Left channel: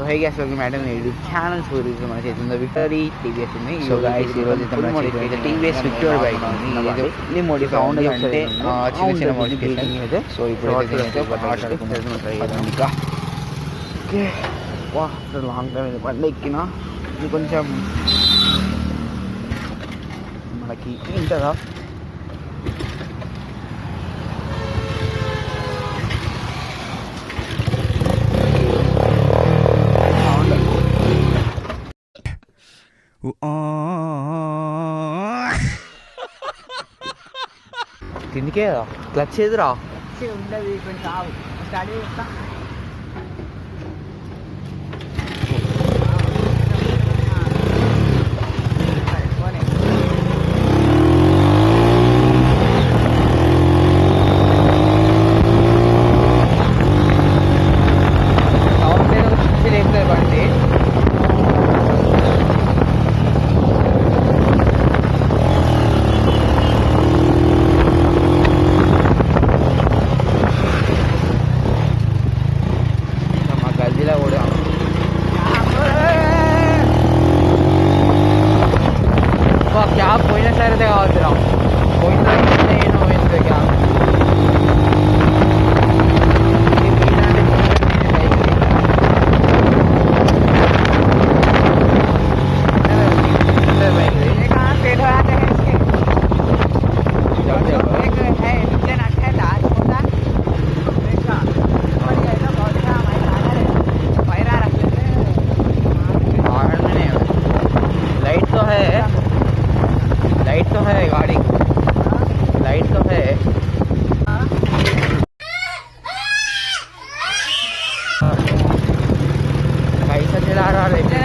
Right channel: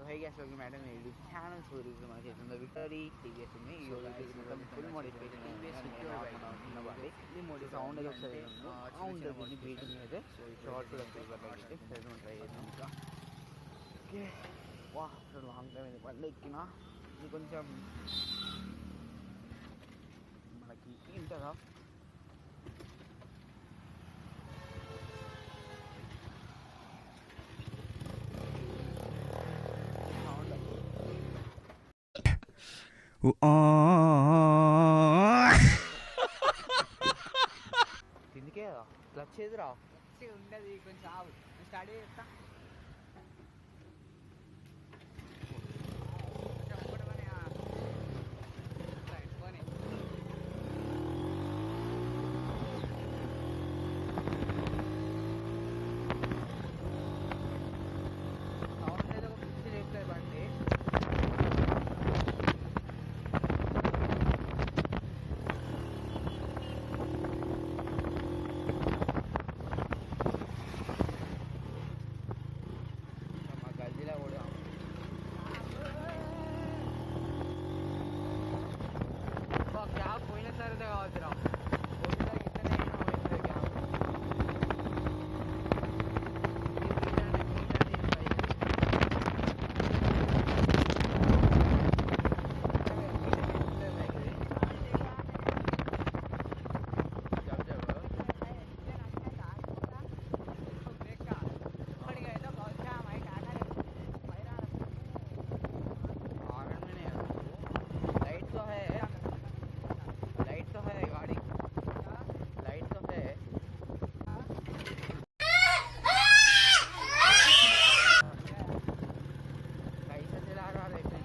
So high gas welcome matter YouTube channel so ఈరోజు మన చేతిలో విక్టరీ టీవీఎస్ ఉంది. సో గైస్ ఈరోజు టీవీఎస్ విక్టరీ బైక్ ఉంది. ఇది మోడిఫై సౌండ్ అంటే చిన్న చిన్న మోడిఫికేషన్ అయితే. సో ఇప్పుడు ఇంకా ఓకే వా లాంగ్ టైం ఇది బండి ఎక్కినా ఇది కొంచెం మనకి ఏంటదా కిందికే క్లచ్ ఏదిరా ఉండదు కొంచెం స్టడీ చేస్తా. బండి क्या పోయిన సరే కావద్దురా పోయిన నేను పోయింది लाइट तो है गाड़ी लाइट तो है कैसा चला रहा है